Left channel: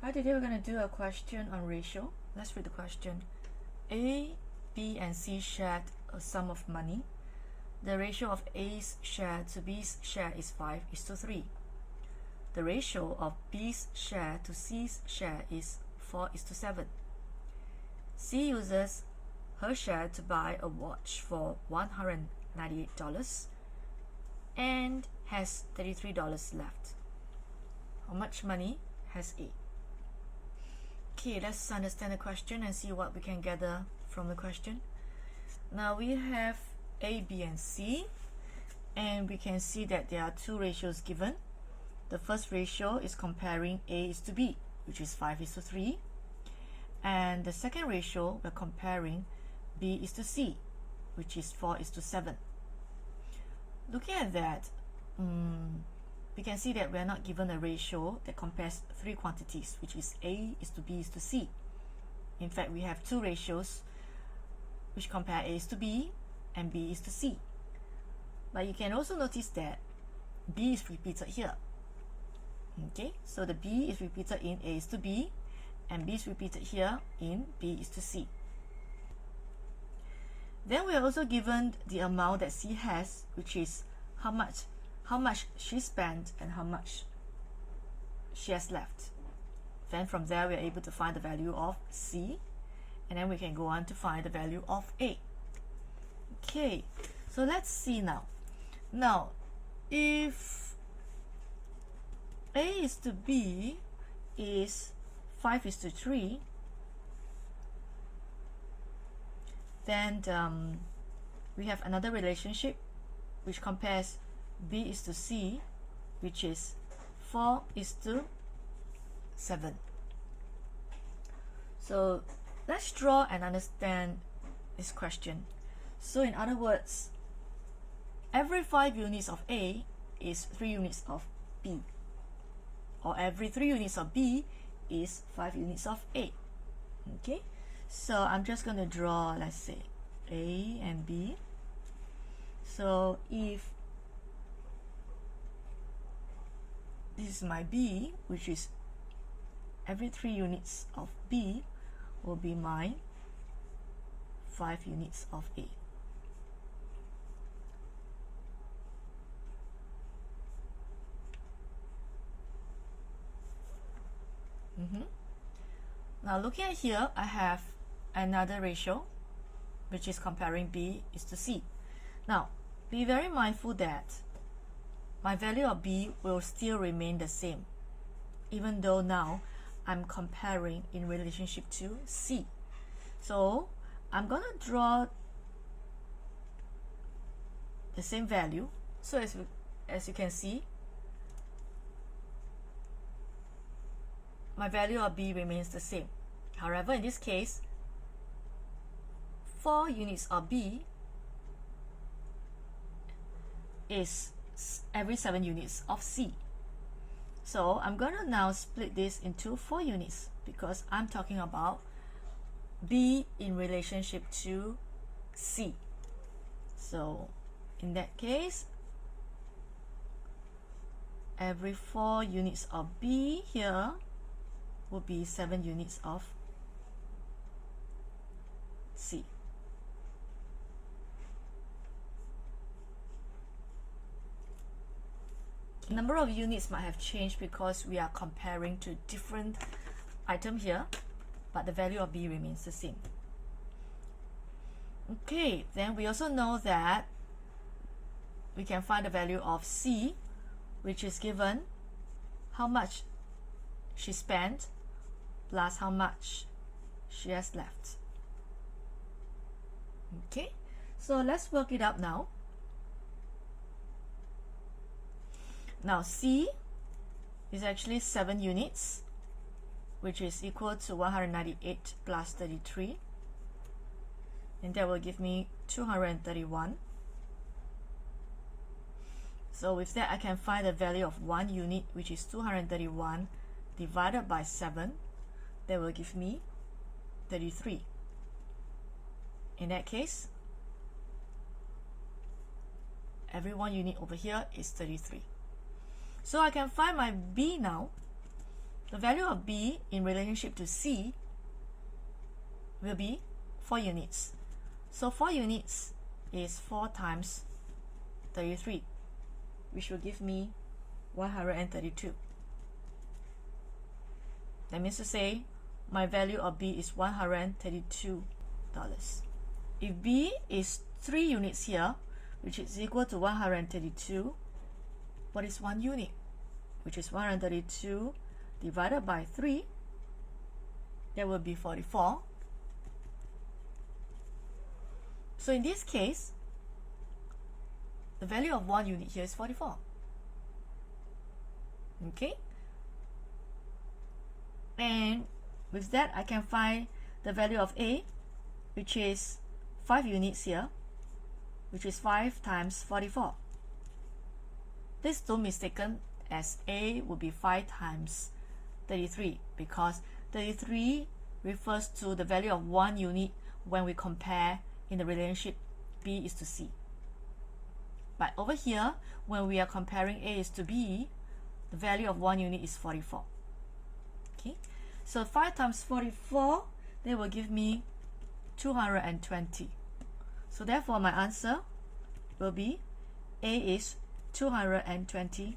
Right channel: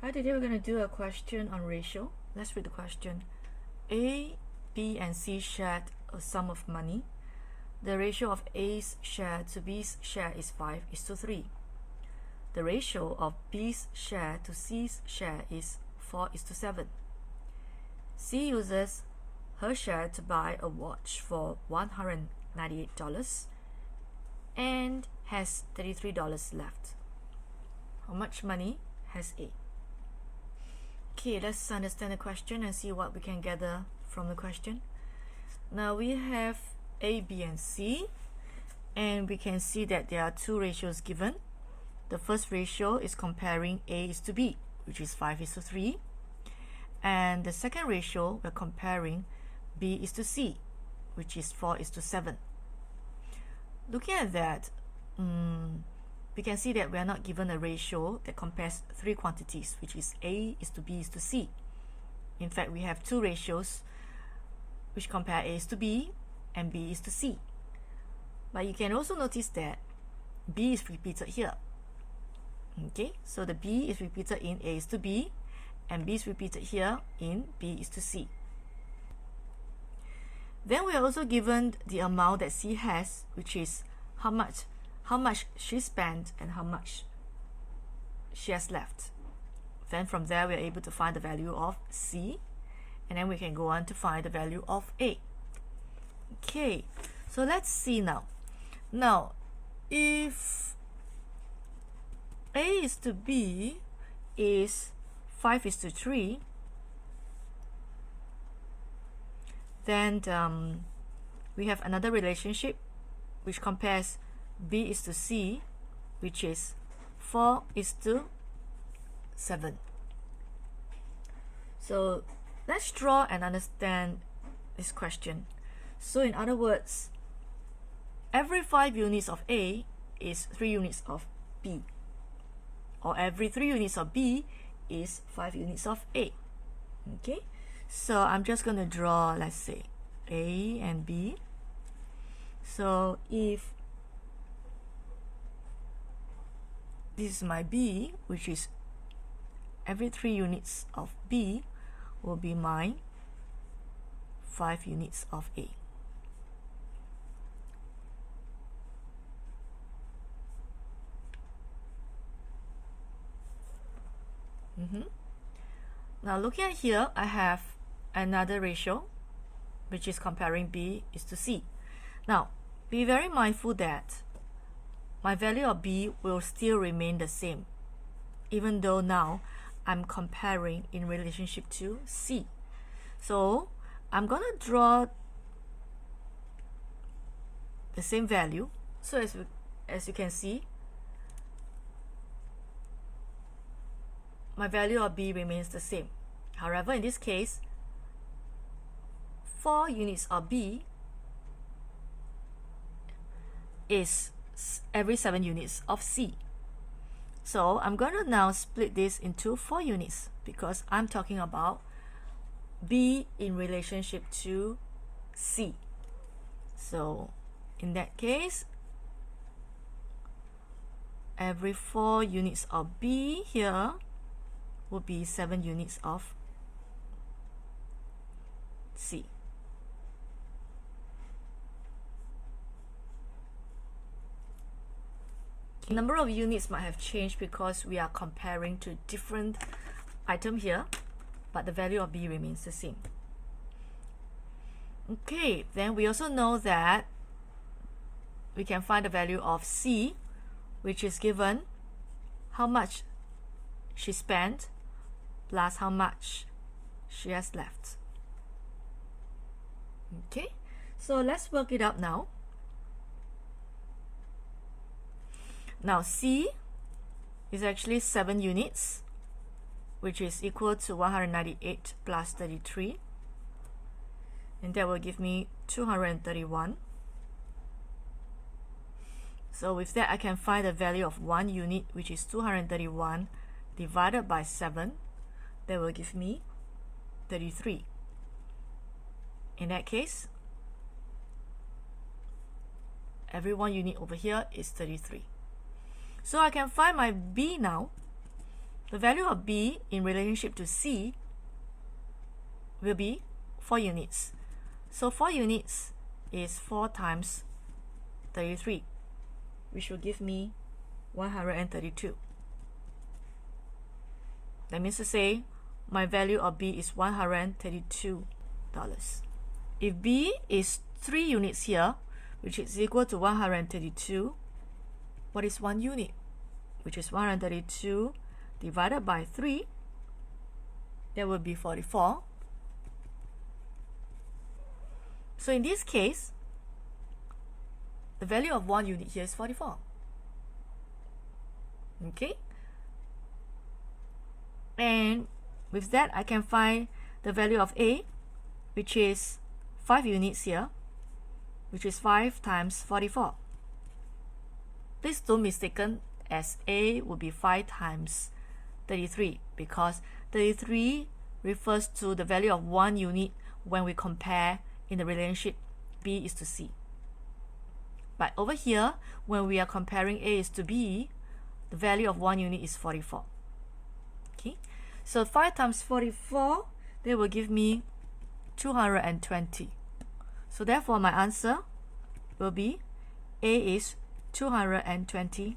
Right, today we're going to do a question on ratio. Let's read the question. A, B, and C shared a sum of money. The ratio of A's share to B's share is 5:3. The ratio of B's share to C's share is 4:7. C uses her share to buy a watch for $198 and has $33 left. How much money has A? Okay, let's understand the question and see what we can gather from the question. Now we have A, B, and C, and we can see that there are two ratios given. The first ratio is comparing A is to B, which is 5:3, and the second ratio we're comparing B is to C, which is 4:7. Looking at that, we can see that we are not given a ratio that compares three quantities, which is A is to B is to C. In fact, we have two ratios which compare A is to B and B is to C. But you can also notice that B is repeated here. Okay, so the B is repeated in A is to B, and B is repeated here in B is to C. Then we are also given the amount that C has, which is how much she spent and how much she has left. Then from there we are able to find the value of C, and then we can go on to find the value of A. Okay, so let's see now. Now, if A is to B is 5:3, then we have another relationship which compares B is to C, which is 4:7. So let's draw and understand this question. So in other words, every 5 units of A is 3 units of B, or every 3 units of B is 5 units of A. Okay, so I'm just going to draw, let's say, A and B. So if this is my B, which is every 3 units of B will be my 5 units of A. Now looking at here, I have another ratio which is comparing B is to C. Now be very mindful that my value of B will still remain the same, even though now I'm comparing in relationship to C. So I'm going to draw the same value. So as you can see, my value of B remains the same. However, in this case, 4 units of B is every 7 units of C. So I'm going to now split this into 4 units because I'm talking about B in relationship to C. So in that case, every 4 units of B here will be 7 units of C. The number of units might have changed because we are comparing to different item here, but the value of B remains the same. Okay, then we also know that we can find the value of C, which is given how much she spent plus how much she has left. Okay, so let's work it out now. Now C is actually 7 units, which is equal to 198 plus 33, and that will give me 231. So with that, I can find the value of 1 unit, which is 231 divided by 7. That will give me 33. In that case, every 1 unit over here is 33. So I can find my B now. the value of B in relationship to C will be 4 units. So 4 units is 4 times 33, which will give me 132. That means to say my value of B is $132. If B is 3 units here, which is equal to 132, what is 1 unit? Which is 132 divided by 3, that will be 44. So in this case, the value of 1 unit here is 44. Okay? And with that, I can find the value of A, which is 5 units here, which is 5 times 44. Please don't mistaken as A would be 5 times 33, because 33 refers to the value of 1 unit when we compare in the relationship B is to C. But over here, when we are comparing A is to B, the value of 1 unit is 44. Okay, so 5 times 44, they will give me 220. So therefore my answer will be A is $220.